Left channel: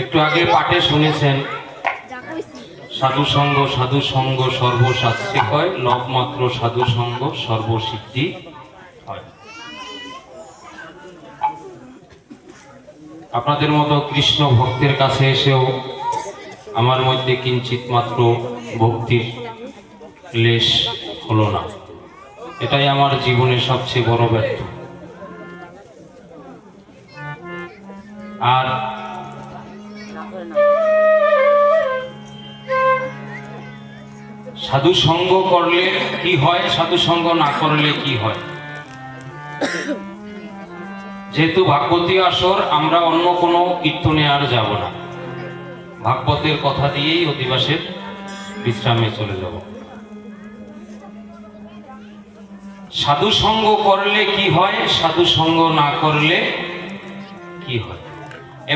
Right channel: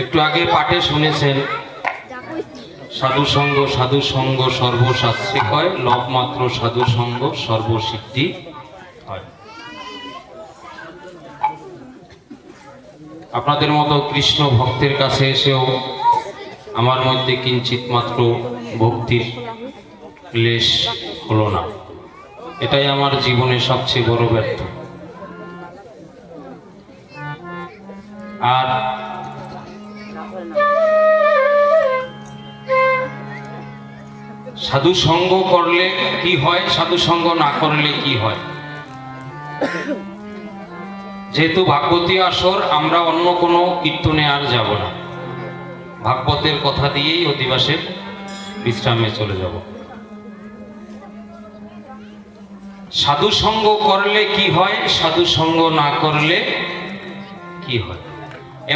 একটু আগে পাঠে শুনেছেন সাধু সঙ্গ সর্বশাস্ত্রে কয়, লব মাত্র সাধু সঙ্গ সর্বসিদ্ধি হয়। আপনাদের মতো কৃষ্ণ ভক্তের কাছে এসেও আমার মধ্যে কিঞ্চিত মাত্র ভক্তির লেশ হলো না। এটাই আমার জীবনের সবচেয়ে বড় ব্যর্থ। আর সাধু সঙ্গ করলে কি হয়, সাধু সঙ্গ না করলে কি হয়? যেহেতু ভাগবতী আসর, আমরা অন্য কোনো কীর্তনে আর যাব না, ভাগবতের কথা দিয়েই অধিবাসের বিশ্রামে চলে যাব। সাধু সঙ্গ করলে কি হয়, সাধু সঙ্গ না করলে কি হয়?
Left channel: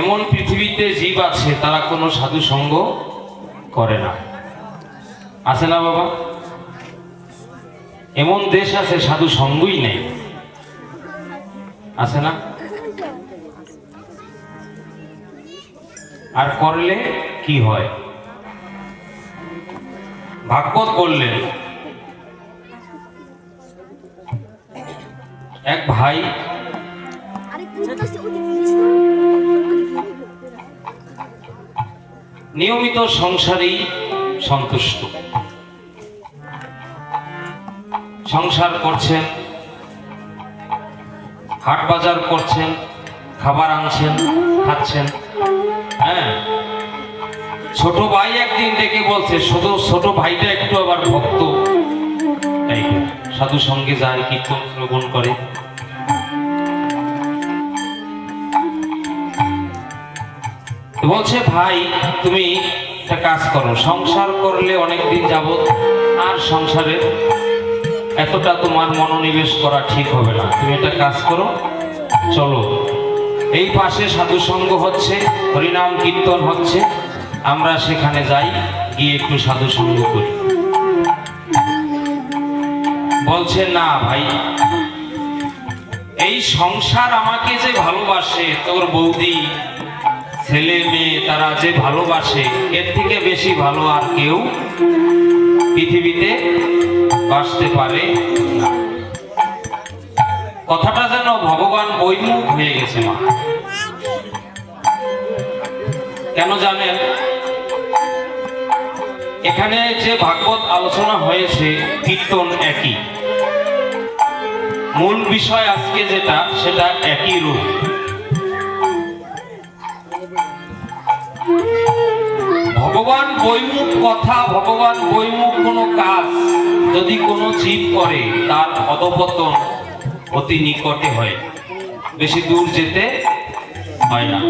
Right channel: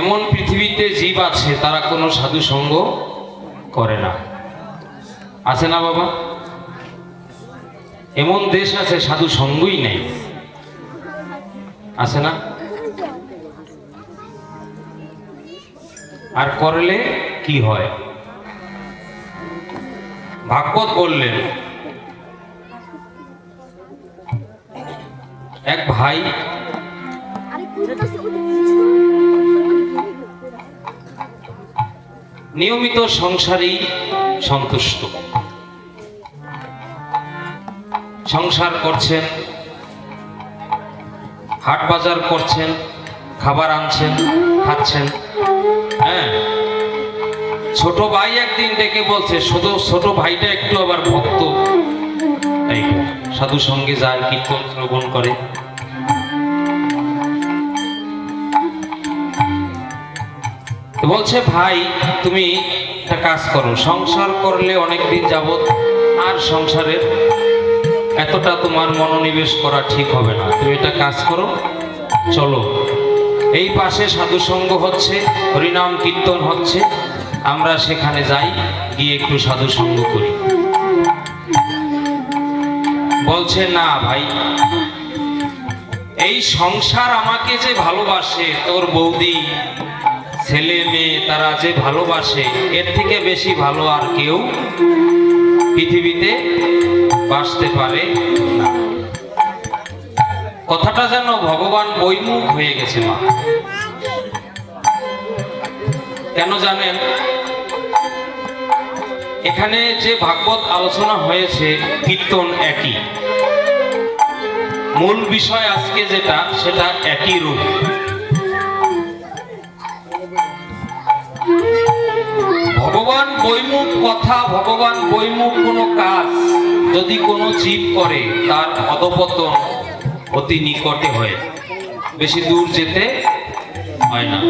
এমন পৃথিবীতে জীব আছে তারা কোনো সাধু সঙ্গ করে না, আছে না বাবা? এমন দেশ আছে সাধু সঙ্গই নেই, আছে না? আর করলে কি হয়? ভাগবত বললেন, এক ভাই নিয়মিত সংসারেই সন্তুষ্ট, সংসার করছেন, হাট বাজার করছেন, খাবার আনছেন, খাচ্ছেন। হ্যাঁ, ছোট ভাই একদিন দেখে বলছে, শুধু ছোট ভাইটা একটু আবার ভক্ত, সাধু সঙ্গে যায়, কীর্তন শ্রবণ করে। বলছে, ভাই তুমি একটা কাজ করো, সংসার করলে অনেকদিন যাবত আর সংসারের এতটা তোমার মনোনিবেশ করা ঠিক হবে না, তুমি একটা কাজ করো, চলো এই পাশে সাধু সঙ্গ হচ্ছে, হরিনাম কীর্তন হচ্ছে, আমরা সেখানে যাই, গিয়ে একটু সাধু সঙ্গ করি। বলছে, না ভাই, এই সংসার আমাকে যে ভালোবাসে, তোর বৌদি ছেলে মেয়ে তারা যে ভালোবাসে, এর থেকে বেশি ভালো আর কেউ পৃথিবীতে বাসতে পারে না। কথাটা যেন ভগবান বৈমুখ হয়ে গেছে মা। কেন জানেন? এখানে যে ভাগবত আলোচনা হয়েছে, কীর্তন একই, মূল বিষয় আজকে যেটা, সেটা একই রূপ। ভগবান বৈমুখ কথা, ভগবান বৈমুখ কোনো কাজ যদি কোনো জীব করে, তার অধঃপতন অতি নিকটে হয়, বেশি দূর যেতে হয় না।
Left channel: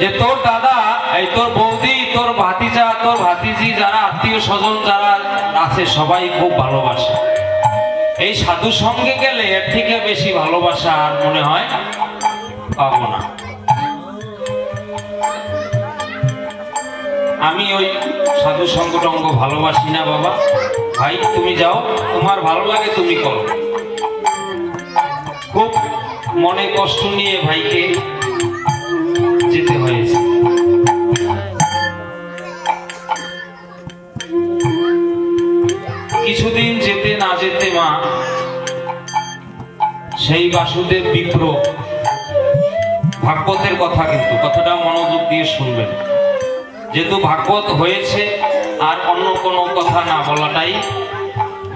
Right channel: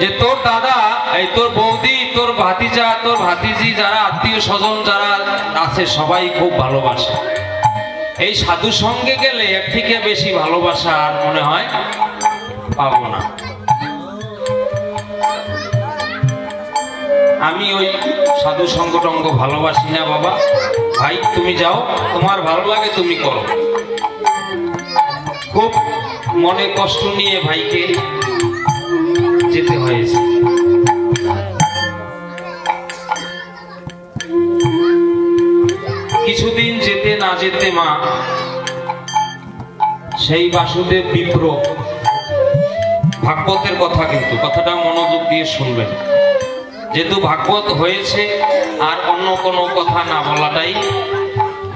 যে তোর দাদা, এই তোর বৌদি, তোর ভাতিজা, তোর ভাতিজি, যারা আত্মীয় স্বজন যারা আছে, সবাই খুব ভালোবাসে। এই সাধু সঙ্গে গেলে এর থেকে বেশি ভালোবাসা আর মনে হয় পাবো না। আমি ওই সাধু সঙ্গ টঙ্গ ভালোবাসি না বাবা। ভাই তুমি যাও, তোমার ভালো লাগে তুমি করো। খুব মনে কষ্ট নিয়ে ভাইকে যেতে হয়েছে। কিছুদিন যেতে না যেতে মা, সেই বাসুদেব বিপ্র, ভাগবতের কথা, কিন্তু কথাটা মনোযোগ দিয়ে শুনবেন, যেহেতু ভাগবত হয়েছে আর অন্য কোনো কথা না বলাটাই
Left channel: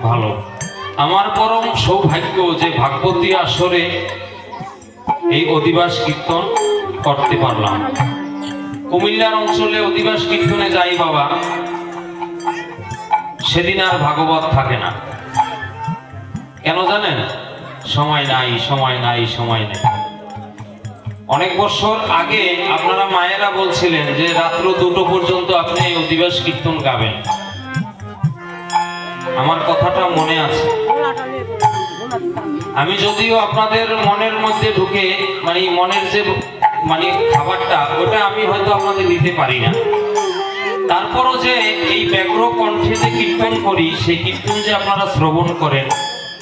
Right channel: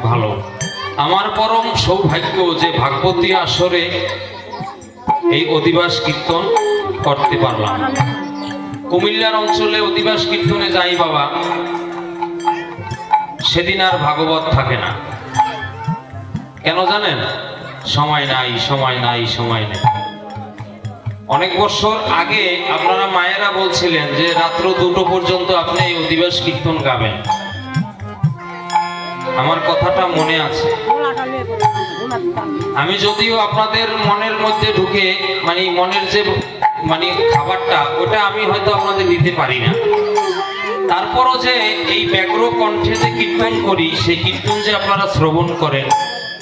ভালো। আমার পরম সৌভাগ্য যে ভাগবতী আসরে এই অধিবাস কীর্তন করতে পারলাম। কুমিল্লার অঞ্চলে অধিবাস কীর্তনে যাই বাবা, সেদিন আর ভাগবত থাকে না। কেন জানেন? সময় নাই, সময় নাই, সময় নেই। অনেক বছর আগে আপনারা মায়েরা বলছিলেন যে রাত্র 2টো পর্যন্ত আপনি এই অধিবাস কীর্তন গাবেন। আমার কথাটা মনে আছে। আমি যদিও আপনাদের মনের মধ্যে ঢুকে, মানে মনের যে খাবারটা, ওটা আমি হয়তো আপনাদের দিতে পারি না, তারপরও যে এই ব্যগ্র কণ্ঠে যে কীর্তন করি, সেই কীর্তন যে আপনারা শ্রবণ করেন,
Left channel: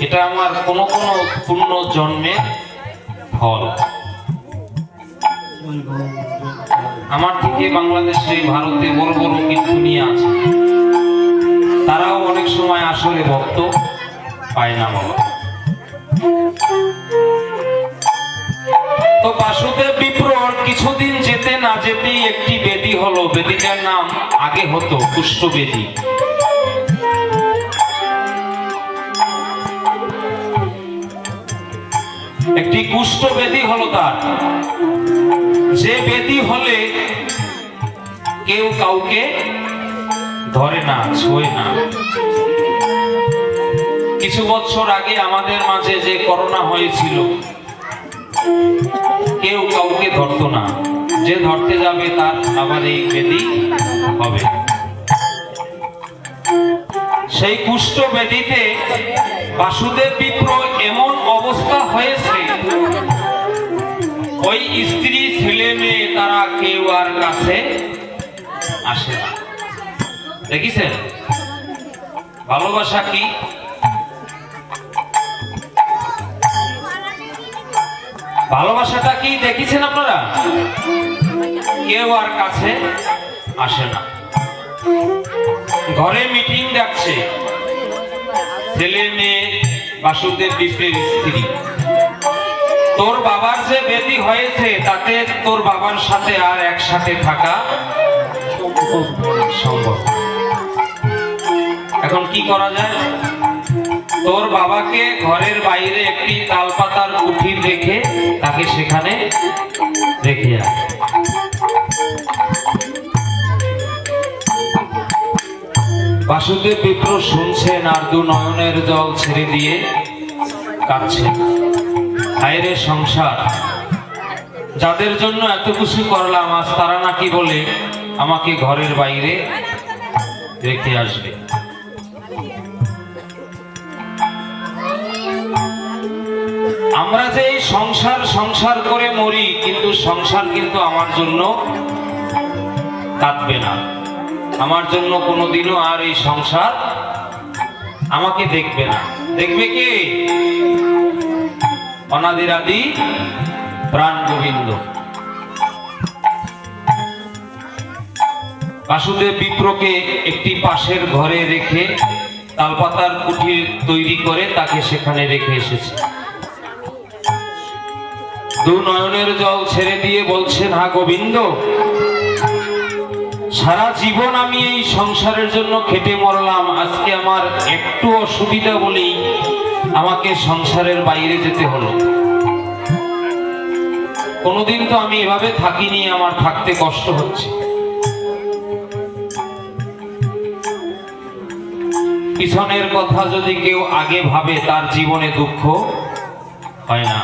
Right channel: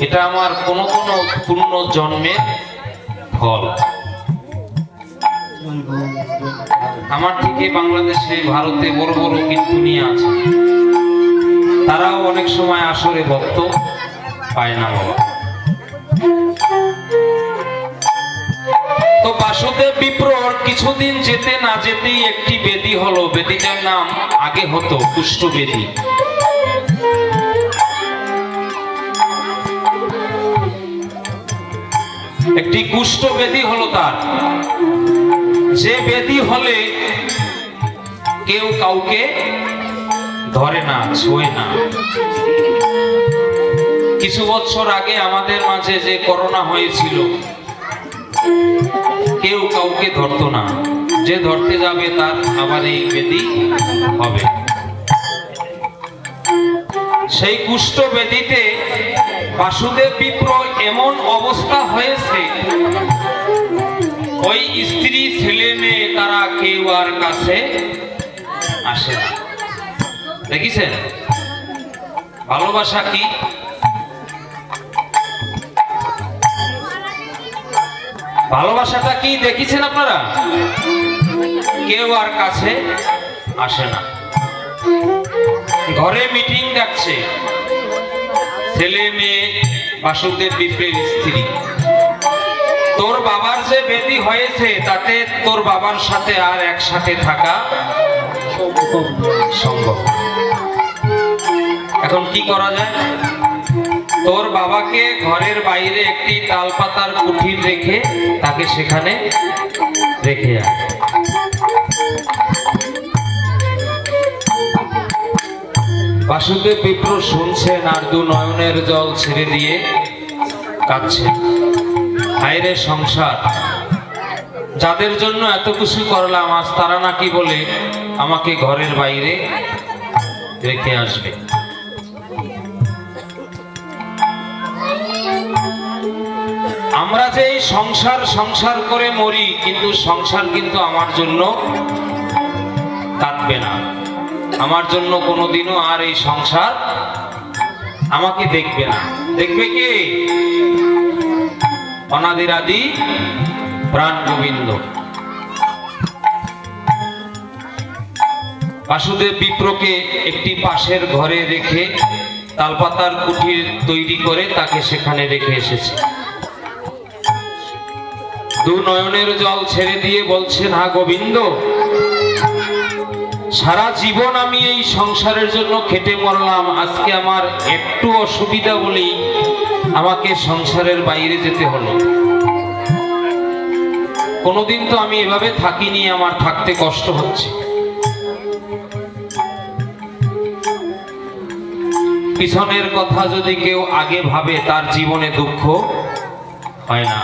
এটা আমার কোনো কোনো পূর্ণ জন্মের ফল। অনেকে বাংলাদেশে ভারতে বড় বড় কীর্তনিয়া আছে, তারাও অনেক সময় আসরে ভক্ত পায় না। তো বাসুদেব বিপ্রর কিছুদিন যেতে না যেতেই একটি বেদি হলো। বেদিটার নাম আগে হতো কুষ্ঠ বেদি। একটি কুষ্ঠ বেদি হলো তার, যে বেদি হলে কেউ কাউকে ধরে না, ছোঁয় না। কিছু বছর আগে আমাদের মাঝে যে করোনা হয়েছিল, কেউ কাউকে ধরতো না, যে ধরতে যাবে তার আবার এই বেদি হবে। সেই কুষ্ঠ বেদিতে বাসুদেব বিপ্র এমন অবস্থা হয়েছে, ওই স্ত্রী ছেলে মেয়ে তারা কেউ আর কাছে আসে না। দেখেছেন ভালোবাসা কি? ভালোবাসাটা কি দেখেছেন আপনারা? কেউ আর কাছে আসে না। ঘরে মিটিং ডাকছে, ছেলে মেয়ে, বাসুদেব বিপ্রের স্ত্রী। তোর বাবার যে বেদি হয়েছে তাতে তোর বাবার সাথে আর একসাথে থাকা সম্ভব। এখন কি করা যায়? তোর বাবাকে ঘরের বাইরে একটি তালপাতার কুঠির রেখে তাকে সেখানে রেখে যায়। বাসুদেব বিপ্র শুনছেন আর দু নয়নের জল ছেড়ে দিয়ে কাঁদছেন। হায়রে সংসার, যাদের জন্য এত কিছু করলাম, আজ তারা নাকি বলে আমাকে ঘরের বাইরে রেখে আসবে। আমরা যে এই সংসার সংসার করে মরি, কিন্তু সংসার কিন্তু আমার জন্য কাঁদবে না। আমার জন্য কোনোদিনও আর এই সংসার আমাকে দেখবে না। দেখবে কে? অনাদির আদি প্রাণ গোবিন্দ। বাসুদেব বিপ্রকে একটি পাশের ঘরে রেখে তালপাতার কুঠির তৈরি করে তাকে সেখানে রেখে এসেছে। দু নয়নের জল ছেড়ে দিয়ে বলছেন, হা গোবিন্দ, সারা জীবন আমি এই সংসারের জন্য খেটে মরলাম, আজকে আমার একটু অসুবিধা বলেই আমাকে সংসারের বাইরে যেতে হলো। কোনোদিন তো আমি এভাবে থাকিনি, আমার থাকতে কষ্ট হচ্ছে। পিছনের কথা যদি কেউ আগে ভাবে, তার জীবনে দুঃখ হয় না,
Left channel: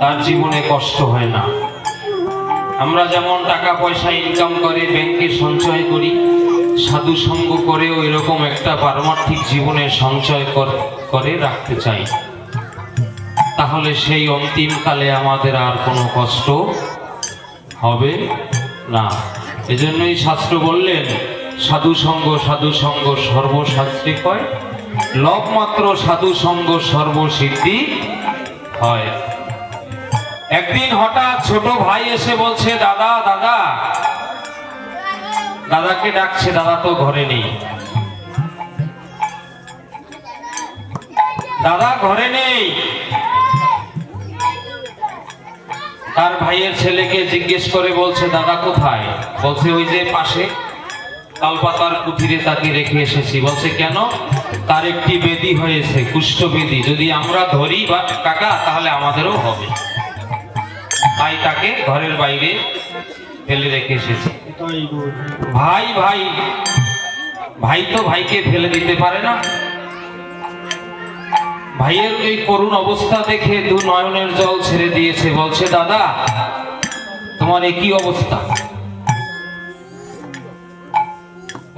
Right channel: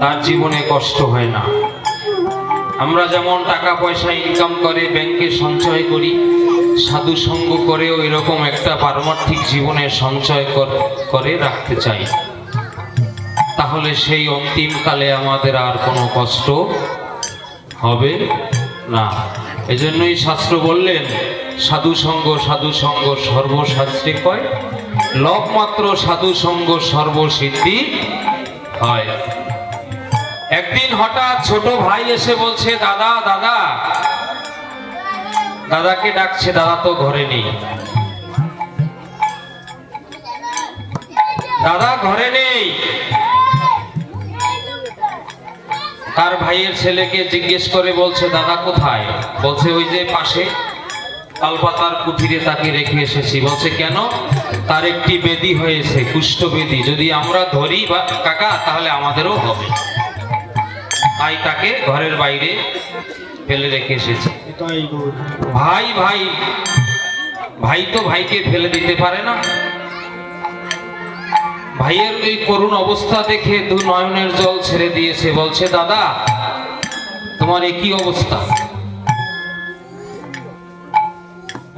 তার জীবনে কষ্ট হয় না। আমরা যেমন টাকা পয়সা ইনকাম করে ব্যাংকে সঞ্চয় করি, সাধু সঙ্গ করেও এরকম একটা পারমার্থিক জীবনে সঞ্চয় করে রাখতে চাই, তাহলে সেই অন্তিমকালে আমাদের আর কোনো কষ্ট হবে না। এজন্যই শাস্ত্র বললেন, সাধু সঙ্গ সর্বশাস্ত্রে কয়, লব মাত্র সাধু সঙ্গ সর্বসিদ্ধি হয়। একদিন হঠাৎ ছোট ভাই এসে বলছে, দাদা দাদা, দাদাকে ডাকছে, দাদা তো ঘরে নেই, দাদা ঘরে নেই। তার ভাইয়ের ছেলেকে জিজ্ঞেস করে বলছে, দাদা কোথায়? বলছে, ওই যে পাশে তালপাতার কুঠিরে তাকে রেখে এসেছি। বলছে, কেন? তার একটি বেদি হয়েছে, কুষ্ঠ বেদি, যদি আমরা ধরি বা কাকা তাহলে আমাদেরও হবে, তাই তাকে ঘরের বাইরে ফেলে রেখে এসেছে। ভাই ভাই ভাই তো ভাইকে ফেলে দিতে পারে না। ভাইয়ের এই করুণ অবস্থা দেখে দু নয়নের জল ছেড়ে দিয়েছে। বলছে, দাদা তোমার একই অবস্থা?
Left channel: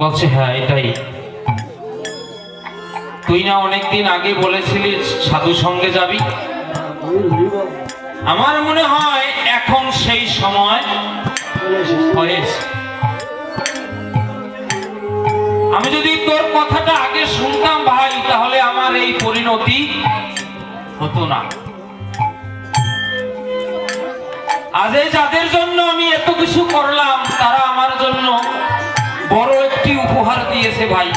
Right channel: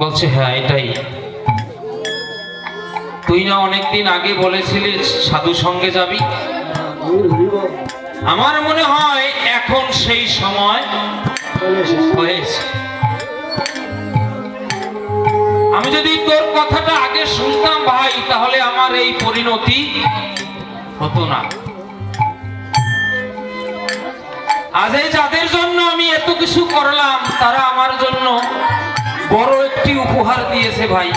বলছে, হ্যাঁ এটাই। তুই না অনেকদিন আগে বলেছিলিস সাধু সঙ্গে যাবি? আমার মনে হয় এখন সেই সময় হয়েছে। আমি যদি তোর কথাটা আগে শুনতাম ভাই, তাহলে আমার এই পরিণতি হতো না। আজ এই যাদের জন্য আমি এত কিছু করলাম তারা আমার জন্য বড় একটি উপহার দিয়েছে ভাই।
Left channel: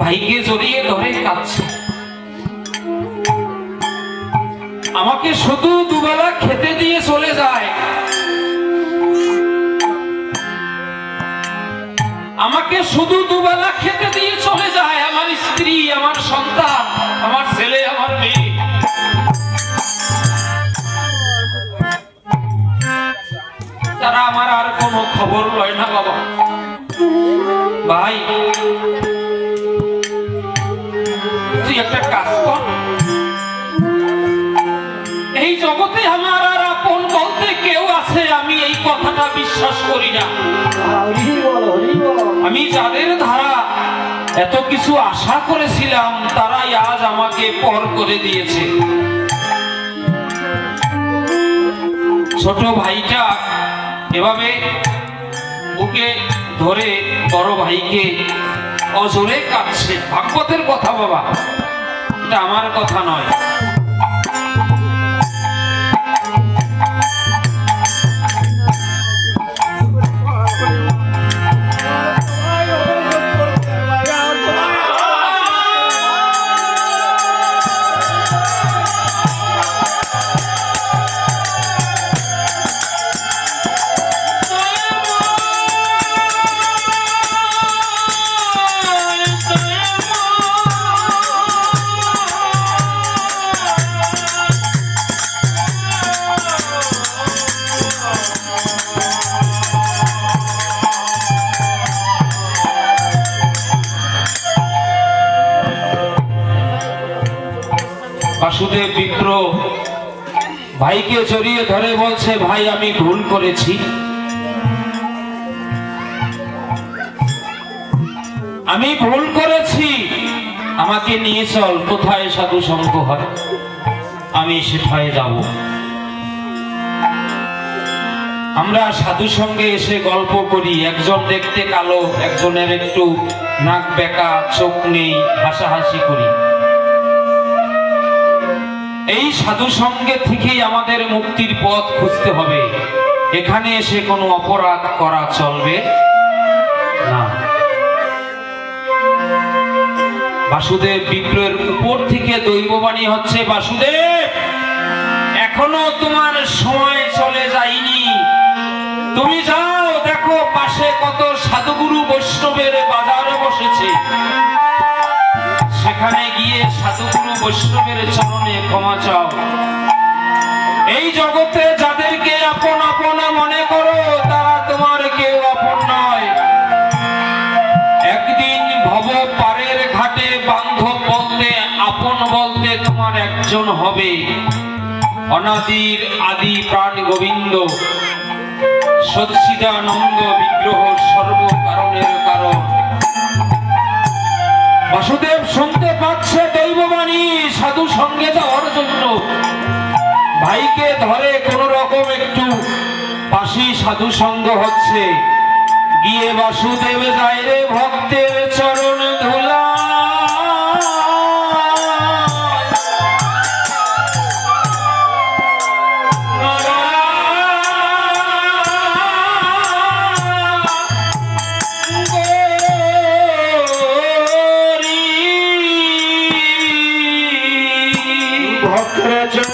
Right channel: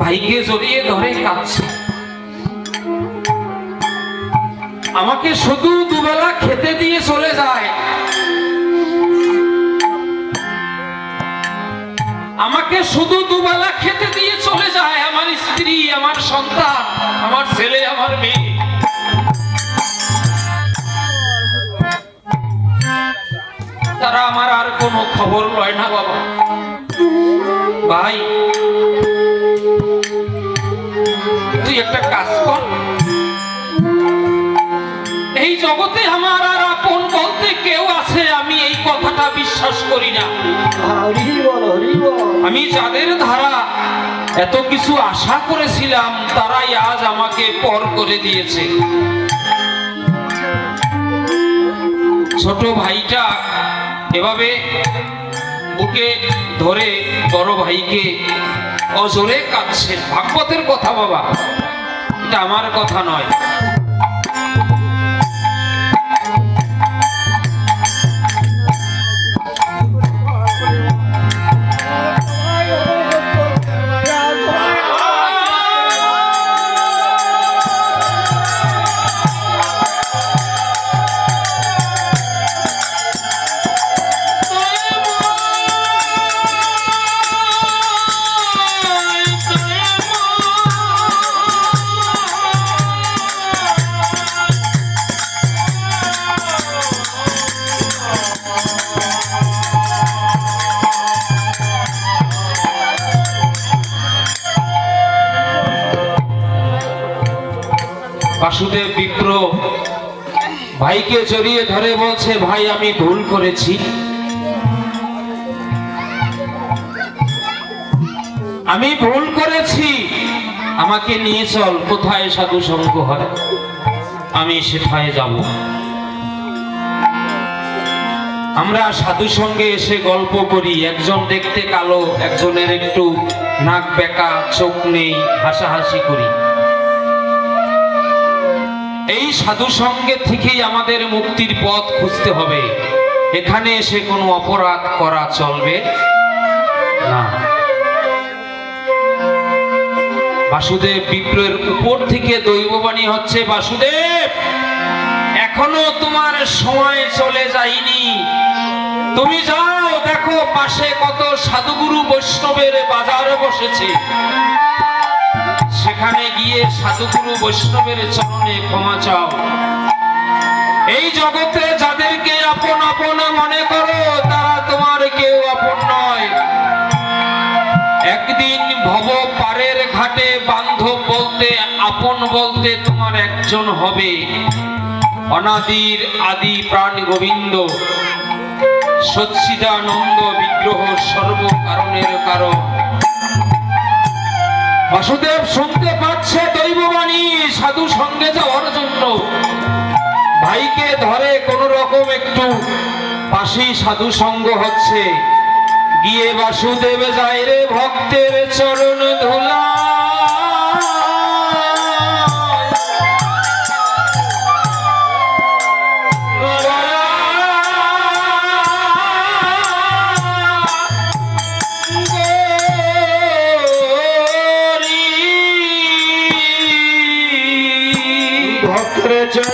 ভাইকে জড়িয়ে ধরে কাঁদছে। আমাকে শুধু দুবেলা খেতে দিয়ে চলে যায়, আমাকে শুধু দুবেলা খেতে দিয়ে চলে যায়। আমার স্ত্রী, আমার সন্তান, আমার ছেলে, আমার মেয়ে, তারা আমার আর কোনো খবর লয় না। বাবা ভাই তুই একটা কাজ কর, এই জগতে আমার আর আপন বলতে কেউ আছে আমি এই কথাটা বিশ্বাস করি না। আমি যাদের ধারা এত কিছু আশা করেছিলাম তারাই আজ আমাকে পর করে দিয়েছে। ছোট ভাইটা এভাবে বুকে ধরে বড় ভাইকে অজরে কাঁদছে। ভাগবতের কথা বাবা, এটা আমার কথা নয়। বাসুদেব বিপ্র ভাইকে জড়িয়ে ধরে বলছে, ভাই আমি ভুল করেছি, আমি ভুল করেছি, আমাকে নিয়ে চল, কোথায় সাধু সঙ্গ হয় আমি সেখানে যাব। আমরা সাধু সঙ্গে এসে গল্প করি, একজন দেখতে কালো, একজনের একটু নাক বেঁকা, চোখ নেই, হাসাহাসি করি। এই সাধু সঙ্গে থেকেই আমাদের মুক্তির পথ খুঁজতে হবে। এখানে এসে কোনো অপরাধ করা চলবে না। বাসুদেব বিপ্রের উপর থেকে দৈববাণী হচ্ছে, বাসুদেব এখনো তোমার সময় চলে যায়নি, তুমি যাও, দেখো পাশে কত সাধুগুরু বৈষ্ণবের বাজারে বসেছে, সেখানে গিয়ে সাধুগুরু বৈষ্ণবের চরণে ক্ষমা চাও। এই জগতে যাদেরকে আপন আপন মনে করো তারা তোমার কেউ আপন নয়। একদিন ভব পারের ঘাটে বান্ধব বলতে, আপন বলতে তোমার একজন হবে, অনাদির আদি প্রাণ গোবিন্দ, সচ্চিদানন্দ বিগ্রহ, সর্বকারণের কারণ। বাসুদেব শুনতে পাচ্ছে দৈববাণী, সাধু সঙ্গে যাওয়ার জন্য ভাইকে ধরে কোন রকম একটু পাশেই সাধু সঙ্গ হচ্ছে। গিয়ে বাসুদেব যায় রে ভক্তের চরণ ধুলা, Jai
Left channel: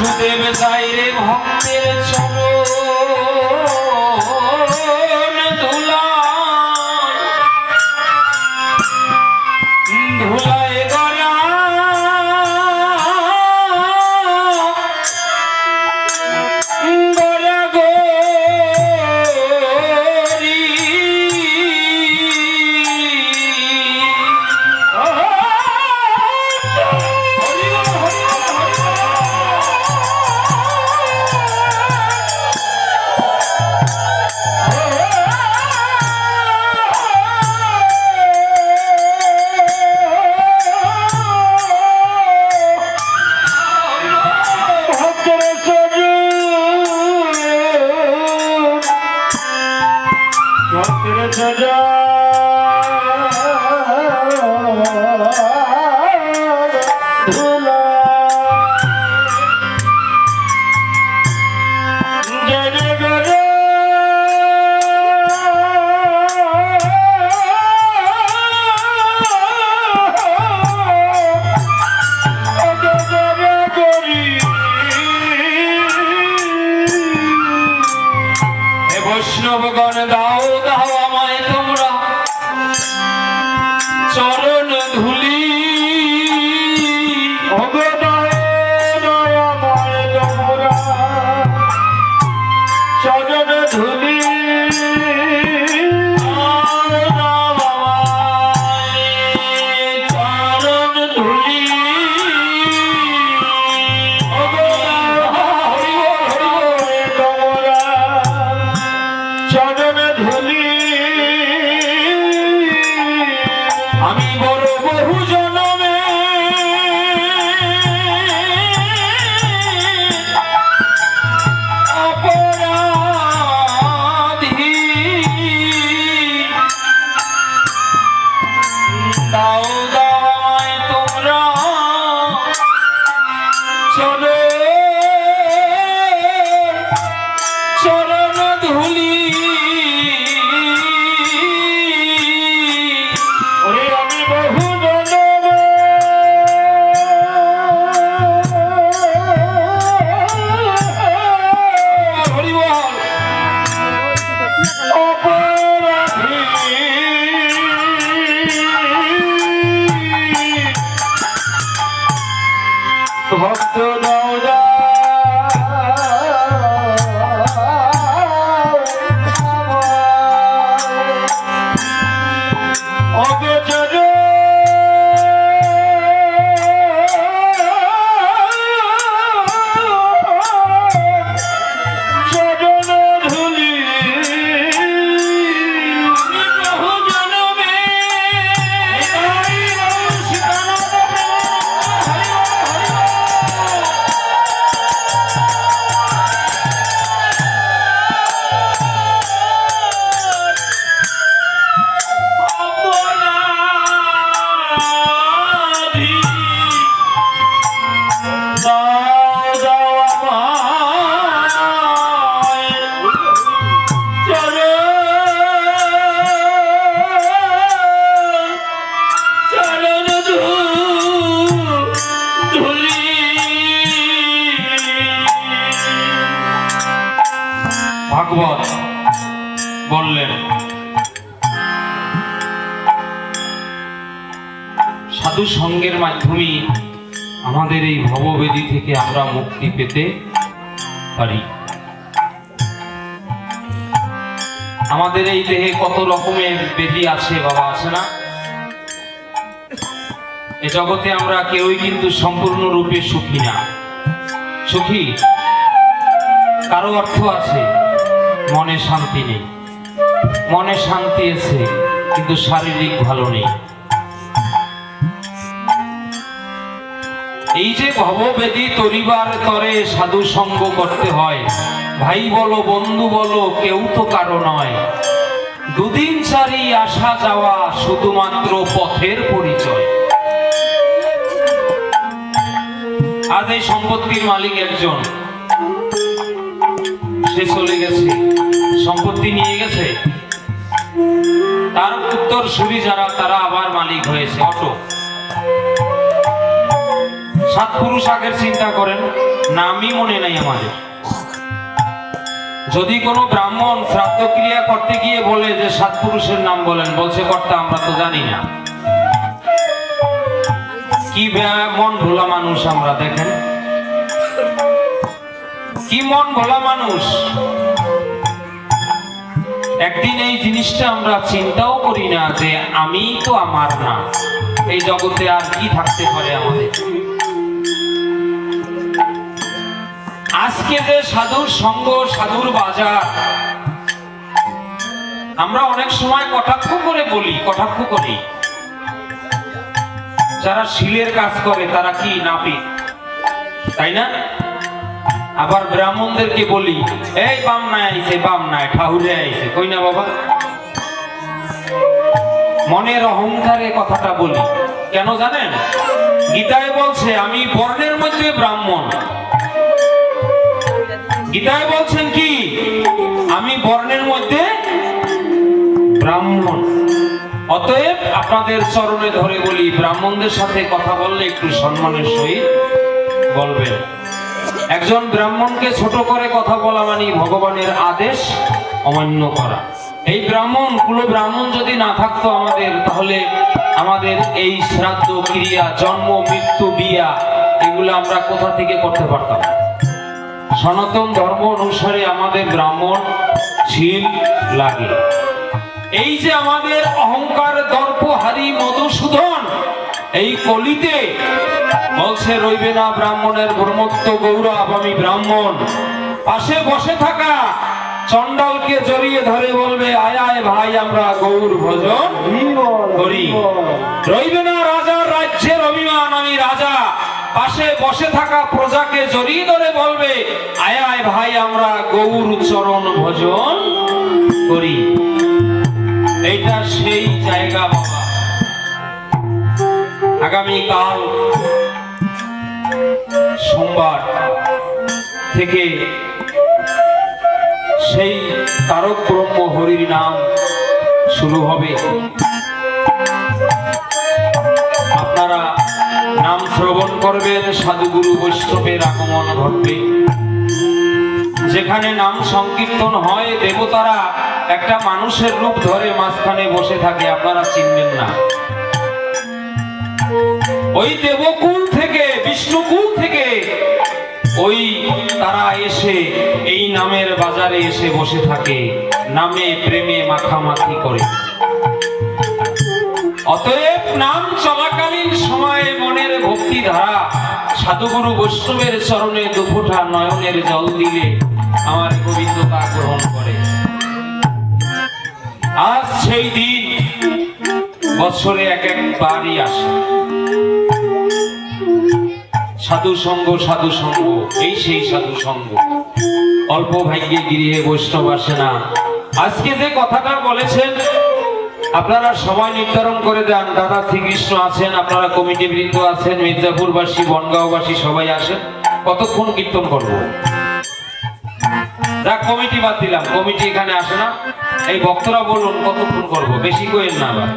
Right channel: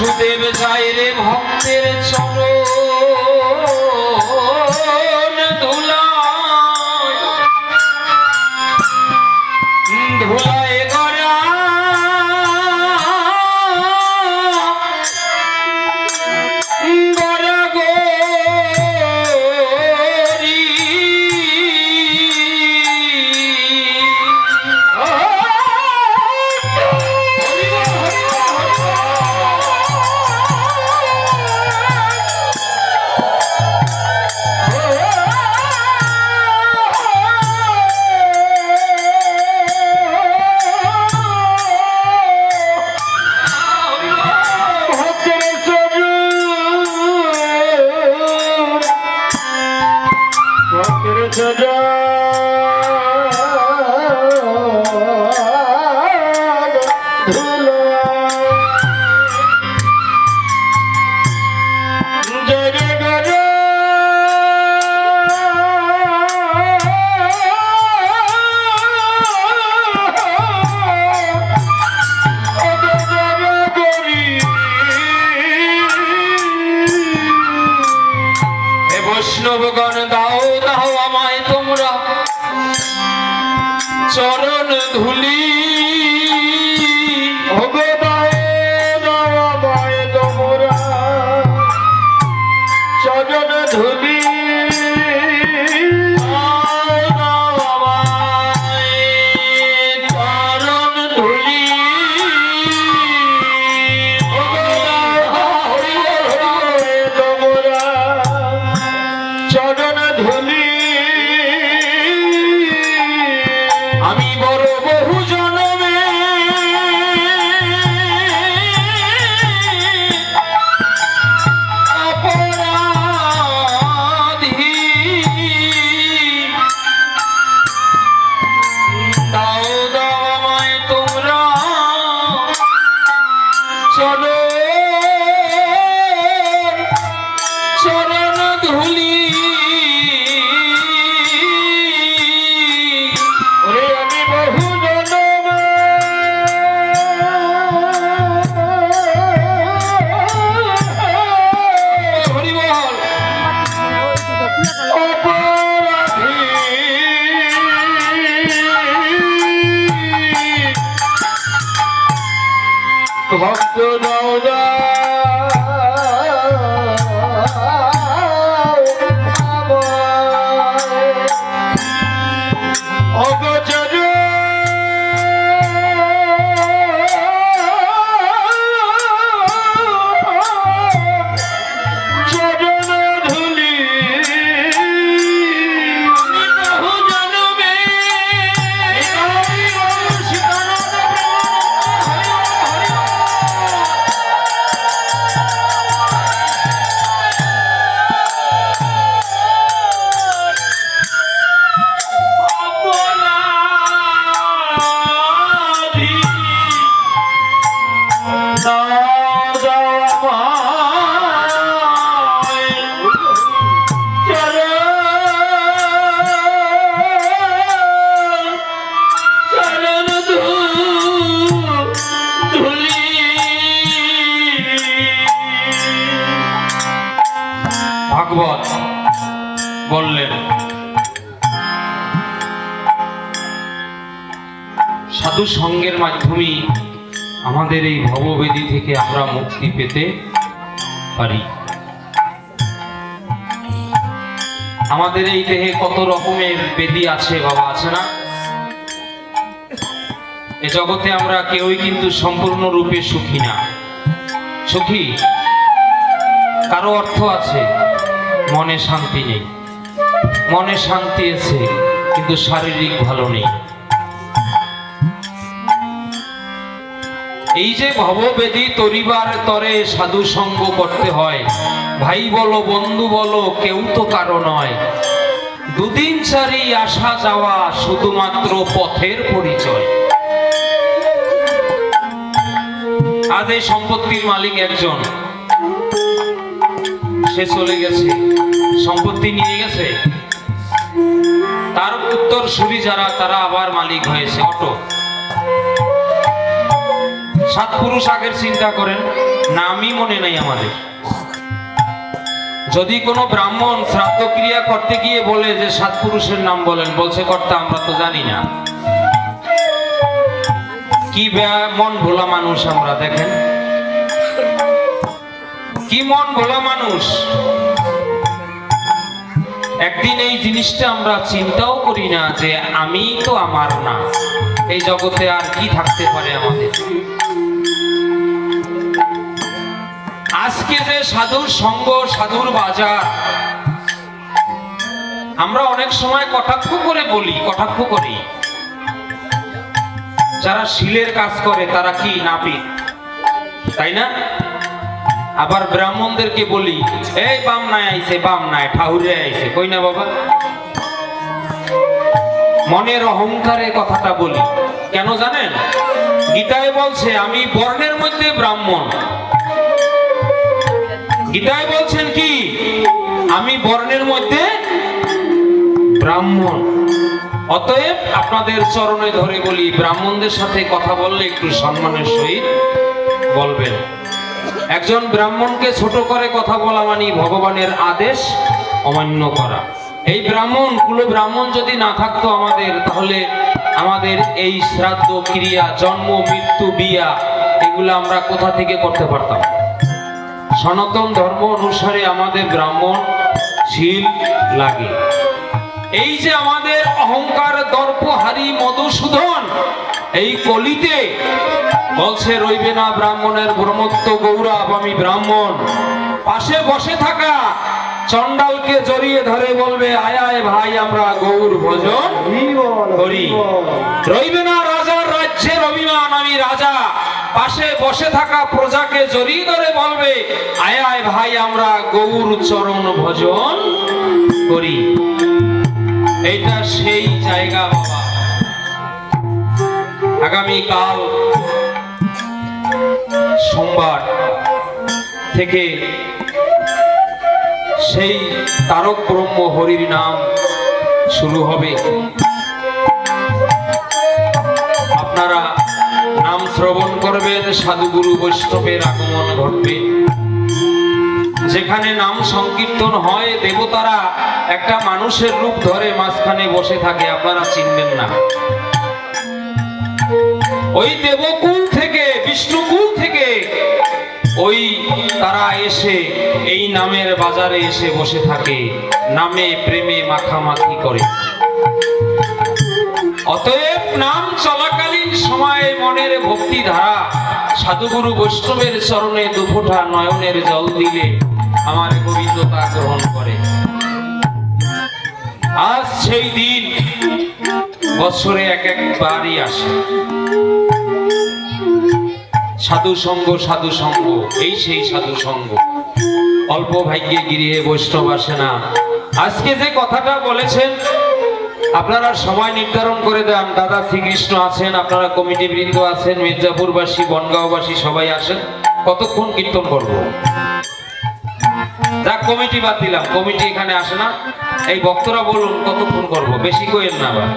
বাসুদেব যায় রে ভক্তের চরণ ধুলায় গড়া গড়া গরি সজা ধুলা জরে গরে বৈষ্ণবগণ দাও দাও আমায় তোমরা চরণ ধুলি আমায় তোমরা চরণ ধুলি চরণ ধুলি তোমরা চরণ ধুলি আমি বড় বহু জনমে অপরাধী দাও দাও আমায় তোমরা চরণ ধুলি ওরে আমি বহু জনমে হরি বল অপরাধী ভক্ত নওজা অগোচর চরণ ধুলি বহু জনমে অপরাধী দাও দাও আমায় চরণ ধুলি ভাগবত বললেন সাধু সঙ্গের মাধ্যমে আমাদের এই ভববেদী থেকে আমরা মুক্তি পেতে পারি। আমাদের এই দেহে কত রকমের বেদি আছে বাবা, আছে না? এ জগতে আমরা কেউই কিন্তু সম্পূর্ণরূপে সুখী না। সুখী কারো অর্থ আছে, মনে শান্তি নেই। মনে শান্তি আছে কিন্তু শারীরিক ভালো নেই। এই যে ভববেদী তরিবার তরে সাধু সঙ্গ করতে হয়, ভাই বলো বন্ধু বলো কেউ তো কারো নয়। দুদিন চারি আসা যাওয়া শুধুমাত্র পথের পরিচয়। আজ এই সম্পত্তির মালিক একজন, সে চলে গেছে, সম্পত্তি নিয়ে গেছে, তার উত্তরসূরি যারা তারা আবার মালিক হয়েছে। অটো সাত পুরুষ আগের চিন্তা করেন, নামই মনে নাই আমাদের। যদি কোনো ব্রাহ্মণ শ্রাদ্ধ ক্রিয়া করতে গিয়ে বলে যে সাত পুরুষের নাম বলেন, বলছে কর্তা আমরা তো জানি না। কি মন ভোলা মানুষ আমরা, দেখেন কি মন ভোলা মানুষ। একদিন এই জিনিসটা আমরা চিন্তাও করি না যে আমি তো আমার না, এই জগতে আর কি থাকতে পারে আমাদের। আজকে যে সাধুর সঙ্গ, সাধুর বাজার, আমরা অনেক সময় কটাক্ষ করে বলি, কটাক্ষ করি। যারা শিলের কাজ করে তারা কি নাপিত, তাই না? আবার ব্রাহ্মণদেরকে বলি এই বাম নাই আইছে, বাম নাই ঠাউরে আইছে, কই না বাবা? মনের অহংকারে কথাটা বলি কেন জানেন? গীতায় বলছে আমি বর্ণের মধ্যে ব্রাহ্মণ। গীতায় বলছেন কি আমি বর্ণের মধ্যে ব্রাহ্মণ। অতএব আপনাদের চরণে ধরে বলি, ব্রাহ্মণদের সাথে কথা বললে একটু সম্মানের সহিত বলবেন। একজন ব্রাহ্মণকে ছোট করে কথা বলা মানে ভগবানের আদেশ অমান্য করা। এই ব্রাহ্মণ, কুলো ব্রাহ্মণ যদি না থাকতো আমাদের, তাহলে আমাদের এই শ্রাদ্ধ ক্রিয়া, জন্ম মৃত্যু বিয়া, এগুলো আমরা কোথা থেকে করতে পারতাম? সনাতন ধর্ম অনুসারে আমাদের ব্রাহ্মণ শীল লাগে। এই যে আমাদের অহংকার, দর্পহারি মধুসূদন এই কলিতে বলছে রইবে না ব্রাহ্মণের ব্রহ্মত্ব গৌরব, আমি ব্রাহ্মণ। পাশে বসে থাকা চণ্ডালকে জড়িয়ে ধরে বলবে আয় আয় ভাই আমরা গৌর ভজন করি। রইবে না রাজার রাজ্যের অভিমান, আমি রাজা। পাশে বসে থাকা প্রজাকে জড়িয়ে ধরে বলবে আয় আয় ভাই আমরা গৌর চরণ ভজন করি। এইটা সেই জায়গা বাবা। আগামীকাল সোমবার থেকে সেই তারক ব্রহ্ম হরির নাম শুরু হবে। আপনারা নাম শ্রবণ করবেন, সাধুগুরু বৈষ্ণবের আগমন ঘটবে। যেখানে নাম সংকীর্তন হয় দেবতারা একটা মানুষের রূপ ধরে মাঝখানে বসে থাকে, আপনারা চিনবেন না। ওই দেবকুল থেকে, বিষ্ণুকুল থেকে ওই তারা এসে এই নামের বাজারে এসে বসে থাকে, নামে প্রেমে মাখামাখি করে। অতএব নাম চলাকালীন সময়ে মনের ভক্তি ধারা সাধুগুরু বৈষ্ণবের চরণে দুফোঁটা নয়নের জল দিলে আমার গোবিন্দ তা গ্রহণ করে। আজ সেই দিন বছরে এক একবারই আসে। সাধু সঙ্গ, সাধু সঙ্গ, এই সেই সাধু সঙ্গ। অল্প ভাগ্যে গৃহে বৈষ্ণব আসে না। আজকে যে কথাটা বলেছেন আপনারা সবাই নির্ধারণ করে দেন। দাদা শ্রীকৃষ্ণ আছেন, আপনারা কমিটি বৃন্দ আছেন, মির্জাপুরবাসী, বনগাঁওবাসী সবাই আসেন। কতক্ষণ কীর্তন করবো? যাক, কমিটি বাদ দিলাম, কমিটি এখানে আসে না। এই ভক্তরা বলুন কতক্ষণ করবো? বেশি কইেন না আবার।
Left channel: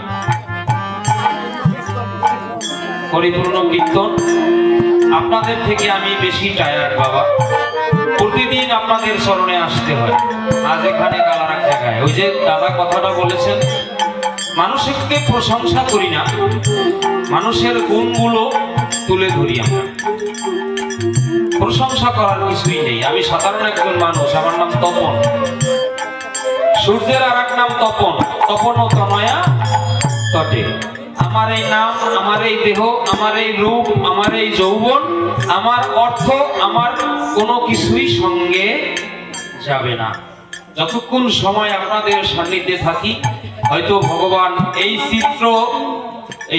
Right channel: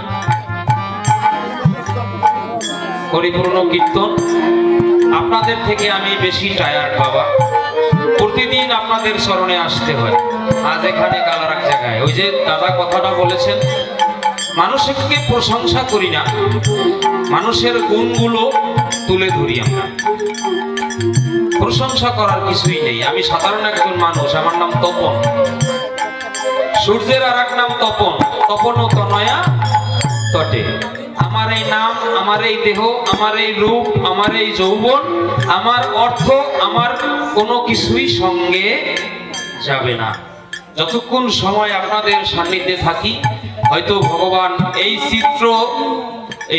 পরিপূর্ণ কীর্তন। আপনাদের থেকে আমি বেশি টায়ার্ড বাবা। প্রতিদিন আপনাদের স্মরণে আসতে হয়। আজ এখানে কাল আর এক জায়গায়। ওই যে দাদা কথাটা বলেছেন, মানুষকে প্রশংসা করি না, মানুষের গুণগুলো তুলে ধরি আমরা। প্রশংসা করার কিছুই নেই। আমি সাধারণ একজন মানুষ, আমার নাম তপন। সূর্যের আর এক নাম তপন, তপন ও তনয়া তটে। আমার এই নাম, আমার এই দেহ, আমার এই রূপ, আমার এই যৌবন, আমার অর্থ, আমার কোনো কিছুই সঙ্গে যাবে না। যতক্ষণ সময় আপনাদের সান্নিধ্যে থাকি, হয়তো ভগবান এই চিত্র,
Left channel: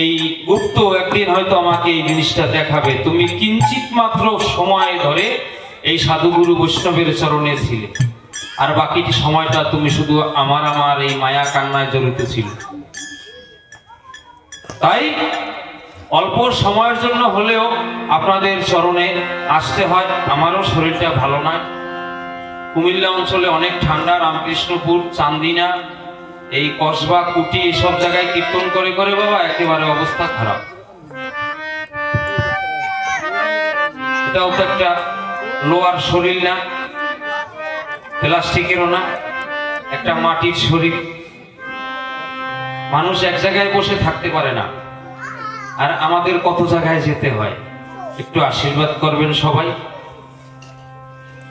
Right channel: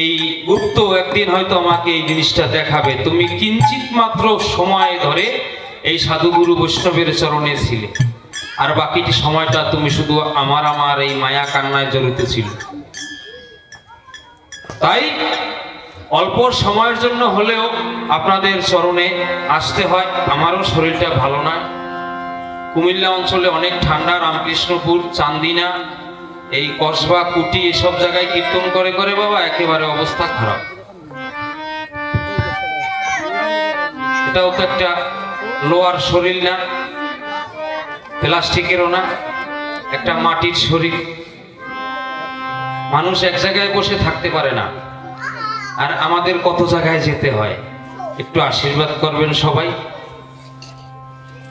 এই গুপ্ত একদিন হয়তো আমাকে এই জিনিসটা দেখাবে, তুমি কিঞ্চিত মাত্র সময় ধরে এই সাধুগুরু বৈষ্ণবের চরণে ছিলে, আর বাকিটি সময়টা তুমি শুধু আমার এই মায়া কান্নায় জড়িত ছিল। তাই অল্প সময়ের জন্য হলেও আপনাদের চরণে আসতে হয়। আমারও শরীরটা ভালো না। কুমিল্লা অঞ্চলে অনেক ঠান্ডা, রামকৃষ্ণপুর, চান্দিনা, এই কসবা, কুটি, এসব জায়গায় কীর্তন করে করে বাবা একেবারে অবস্থা খারাপ। সেটাও তো একটা লোহার শরীর না, প্লাস্টিকেরও না, একটা মাটির শরীর। মানুষ এক জায়গায় বসে থাকতে পারে না, আর আমাদের কত জায়গায় যেতে হয়। একটু আশীর্বাদ করবেন সবাই।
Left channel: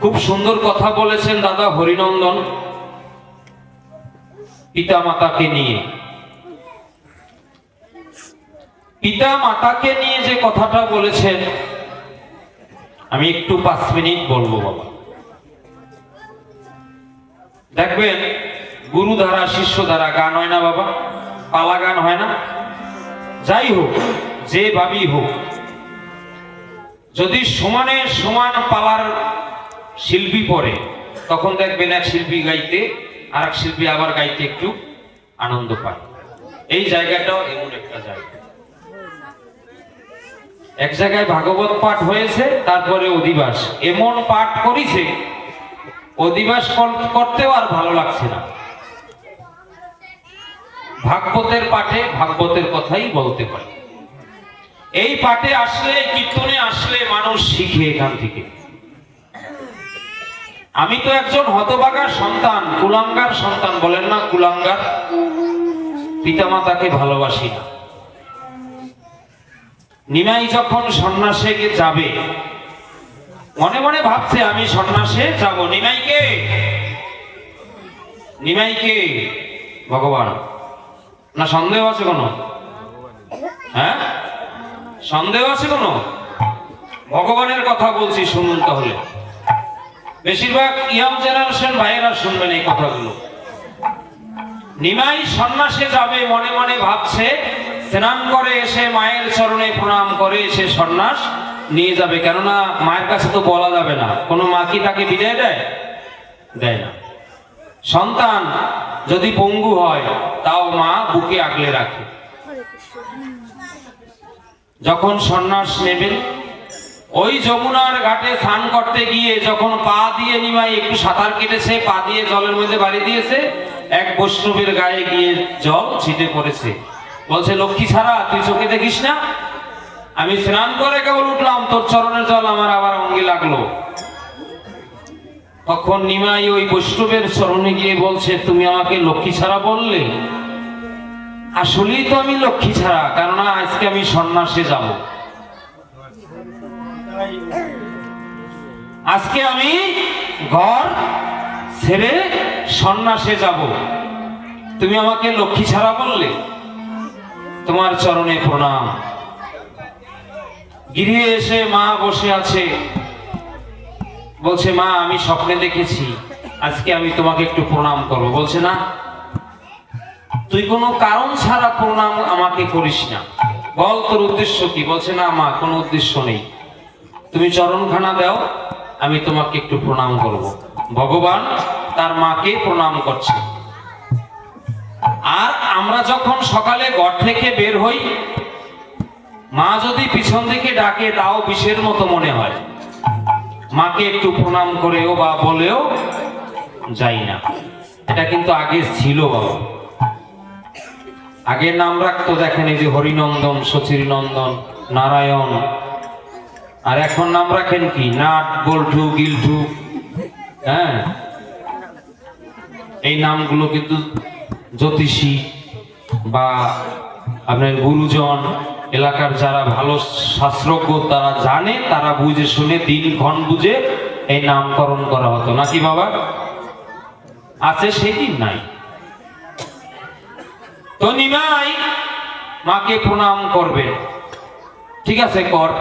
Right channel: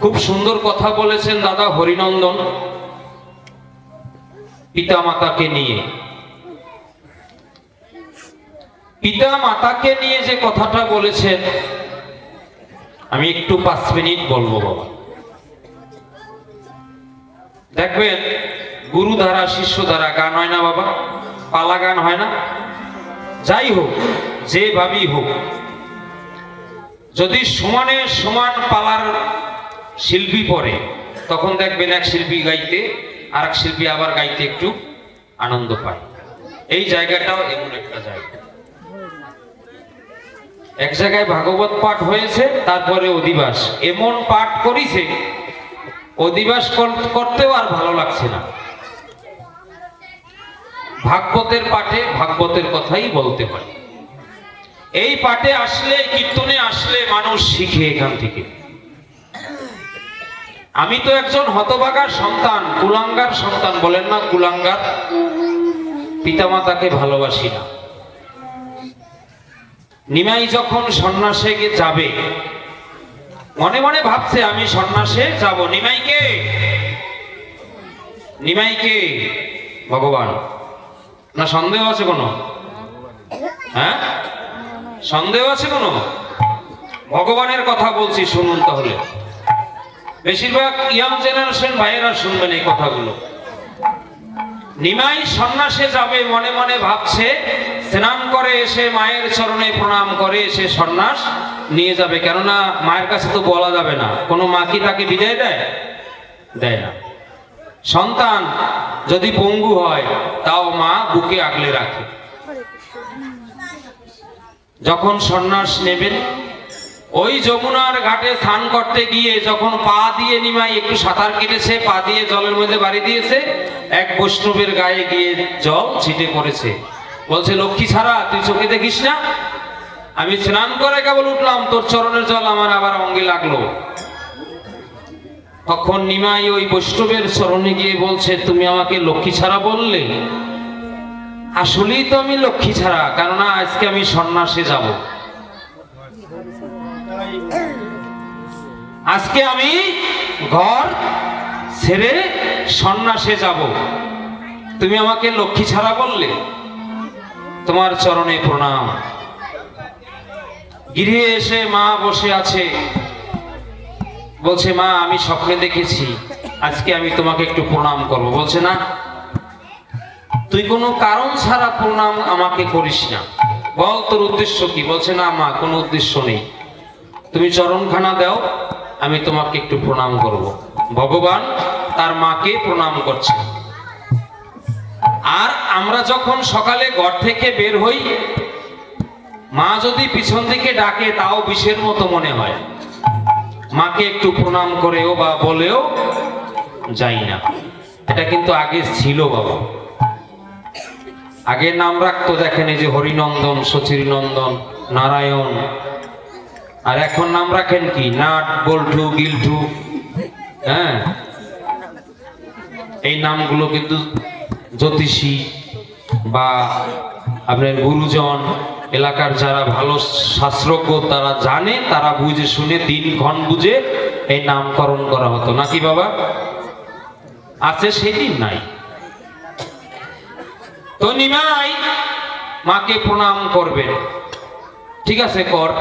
খুব সুন্দর কথা বলেছেন দাদা হরিনন্দন পিতা মাতাকে নিয়ে। পিতা মাতাকে নিয়ে যে কথাটা বলেছেন, আমি একটু 5 মিনিট বলবো বাবা। দেখবেন গুরু দ্বারা শিষ্য দ্বারা গান হয় না বাবা, পালা গান হয় না? যাই হোক, যে ভাবেই হোক, যদি সমানে সমান পালার শিল্পী পড়ে, তখন দেখবেন এক শিল্পী গাইতে আর এক শিল্পী আবার গাইতে একটু আনন্দ পায়। এই জায়গাটাও এমন একটা জায়গা। এক জায়গায় ভাগবত পাঠ হয়েছে, তারপরে অধিবাস এমন পাঠ করিছে, অধিবাস করতেও আর ভালো লাগছে না। ভাগবতের পাঠে ভাগবতের কথাই বলতে হয়। এই পাঠে আসলে, কীর্তনে আসলে মানুষ শিখে এখান থেকে। আমি তো একজন হতভাগার সন্তান, কুলাঙ্গার সন্তান, বলেন না কুলাঙ্গার, পিতামাতাকে ভালোবাসি না। নিমাই যখন সন্ন্যাসে যাবে, মনে মনে ভাবছে আমি সন্ন্যাসে যাব। নিমাইকে, নিমাইকে ভগবান, না সন্দেহ আছে কোনো? হ্যাঁ, সন্দেহ আছে কোনো? ভগবানের কথা বলছি, শুনুন তাহলে। বেশিরভাগ ইয়ং জেনারেশন ভাইয়েরা শুনবেন এই কথাগুলো। নিমাই সন্ন্যাসে যাবে, মনে মনে ভাবছে স্নান করে এসে মায়ের চরণে প্রণাম করে এসে সন্ন্যাস নিয়ে যাবে। কেননা মায়ের কাছে তো বলা যাবে না, কোনো মা কি তাকে বিদায় দেয়? দেয় না। সন্তান যদি পঙ্গু হয়, তাও মা বুকে আগলে রাখে। যখন সন্ন্যাস নেবেন, ওই যমুনার ঘাটে স্নান করতে গিয়ে যখন পা দিয়ে নিমাই একটু সাঁতার কেটেছে, পা দিয়ে জলের মধ্যে বাড়ি দিয়েছে, এক বৈষ্ণবের গায়ে গিয়ে জল ছিটে পড়েছে। বলছে, লক্ষ্মী ছাড়া তুই চোখে দেখিস না? আমি স্নান করে কেবল উঠলাম, তোর চরণের জল আমার আবার অঙ্গে লাগলো। তখন নিমাই ওই বৈষ্ণবের চরণে গিয়ে বলছে, তুমি আমাকে লক্ষ্মী ছাড়া বললে? আসলেই তো আমি লক্ষ্মী ছাড়া, কেননা আজকে আমি সন্ন্যাসে যাব। আজকে আমি ঘর ছেড়ে সন্ন্যাসে যাব, তুমি আমাকে লক্ষ্মী ছাড়া বললে? তোমার চরণে প্রণাম। গৃহে এসে মা বসে আছে, বলছে, মা আমি স্বপ্নে দেখেছি, আজকে আমি তোমাকে একটু প্রণাম করবো। বলছে, না, তুই কোনো কারণ ছাড়া প্রণাম আমাকে করিস না, বল তোর উদ্দেশ্য কি? বলছে, না মা, কোনো উদ্দেশ্য নেই, তুমি চরণখানা দাও, আমি তোমাকে একটু প্রণাম করব। ভগবান তার মাকে প্রণাম করছে। আর আমরা যখন সকালে ঘর থেকে বের হই, মা যদি পিছন থেকে ডাকে, তাও বিষের মতো মনে হয়। মাকে একটু প্রণাম করেও বা বলেও যাই না। এটা কিন্তু আগে ছিল বাবা। আগে নাম রাখতো, দেখেন এই যে হরিনন্দন, সচিরনন্দন, নারায়ণ। আর এখন নাম রাখেন কি? নাট, বল্টু, গিল্টু। হ্যাঁ, এই নামগুলো কিন্তু জ্যোতিষী বা আপনার গুরুজন, এলাকার যারা ভালো শাস্ত্রজ্ঞ তারা জানে, তারা বুঝে শুনে দিনক্ষণ বুঝে এই নামকরণ করা হতো, নাকি বাবা? আছে সেই দিন নাই। তো নিমাই মাকে প্রণাম করবেন, ঠিক আছে কর।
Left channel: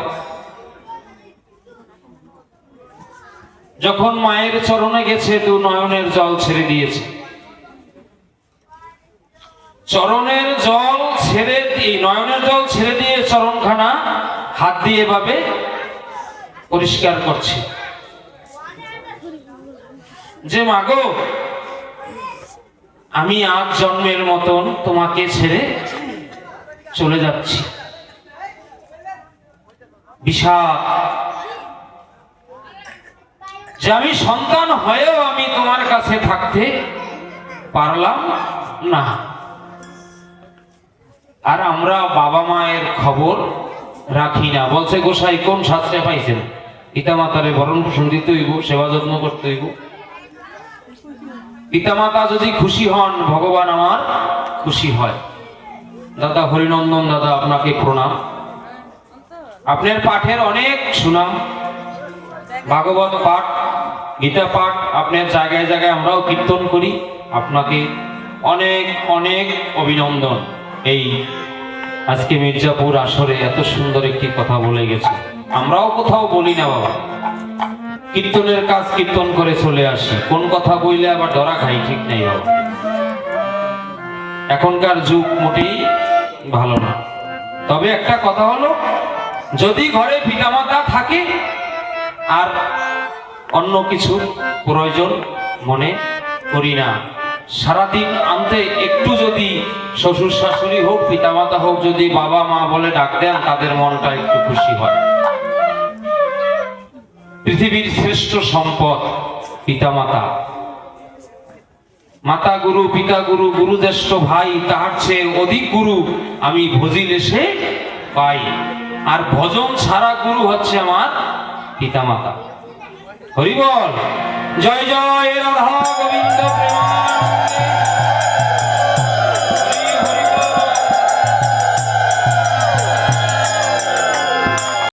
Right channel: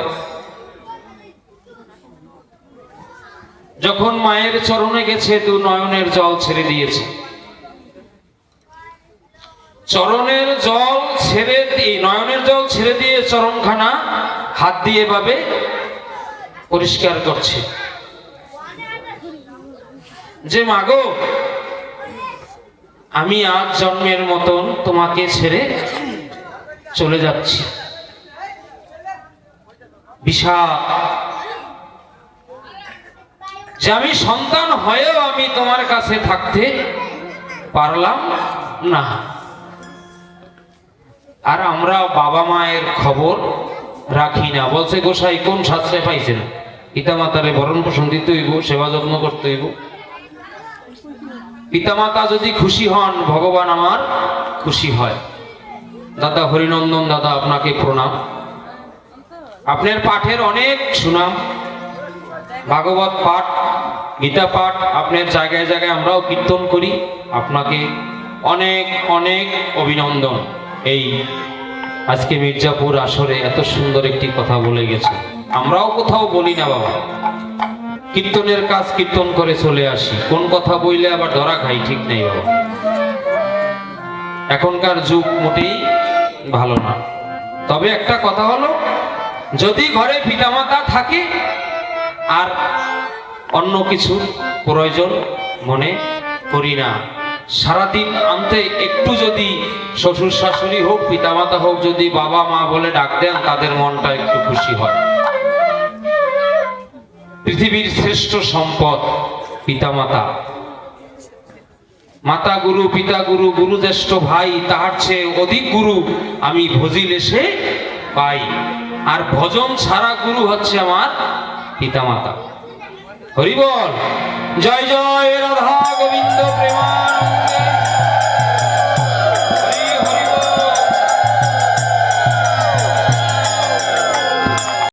যখন মায়ের চরণে গেছে, দু নয়নের জল ছেড়ে দিয়েছে। চরণের জল ছেড়ে দিয়ে, নয়নের জল ছেড়ে দিয়ে চরণখানা হাত দিয়ে ভাবে পরিষ্কার করছে, যে মাগো, আমি আজ জন্মের মতন তোমাকে ছেড়ে চলে যাচ্ছি। বিষাদ যে আমি সন্তান হয়েও আমি তোমার কাছে থাকতে পারলাম না। আর আমরা বাবা মায়ের খবর রাখি না। বলছে, গোসাই কোন শাস্ত্রে পাইছেন? পিতা মাতারে ভরণ পোষণ দিতে হইব, সেবা যত্ন করতে হইব। পিতা মাতা যদি খুশি হন, ভগবান আমার খুশি হয়। দাদা হরিনন্দন দাদা, আপনাকে প্রণাম। আপনার পাঠের অনেক সুনাম, ভাগবত পাঠ, গীতা পাঠ আপনার জায়গায় জায়গায় আমরাও কীর্তন করি। আপনাকে অনেক অনেক অভিনন্দন। এই আজকে মির্জাপুর আসরে এত সুন্দর একটি কথা বলে গেছে। আমরাও কোথাও বলি না বাবা, কীর্তনের কাজ কীর্তন করে চলে আসি, কোন কথা বললে আবার ধরা খাই ঠিক নেই বাবা। এখনকার যুগ মোটেই ভালো না। তবে একটা কথা হলো, যদি ঘরে পিতামাতা থাকে আর অন্য কিছুর প্রয়োজন মনে করি না, সারাদিন আনতে একটু যদি শ্বশুর শাশুড়ি হোক, পিতামাতা হোক, যদি বাবা মা বলে ডাক দেন, তাদের মনটা একটু খুশি হয়। পৃথিবীর শ্রেষ্ঠ সম্পদ পিতামাতা। মাতা গুরু, পিতা গুরু, গুরু জ্যেষ্ঠ ভাই, তাহার চেয়ে অধিক গুরু আমি ভজিলে সে পাই। আর ভজন ছাড়া গুরু হচ্ছে আমার পিতামাতা। হরি বল, জয় জয় রাধা গোবিন্দ প্রেমা।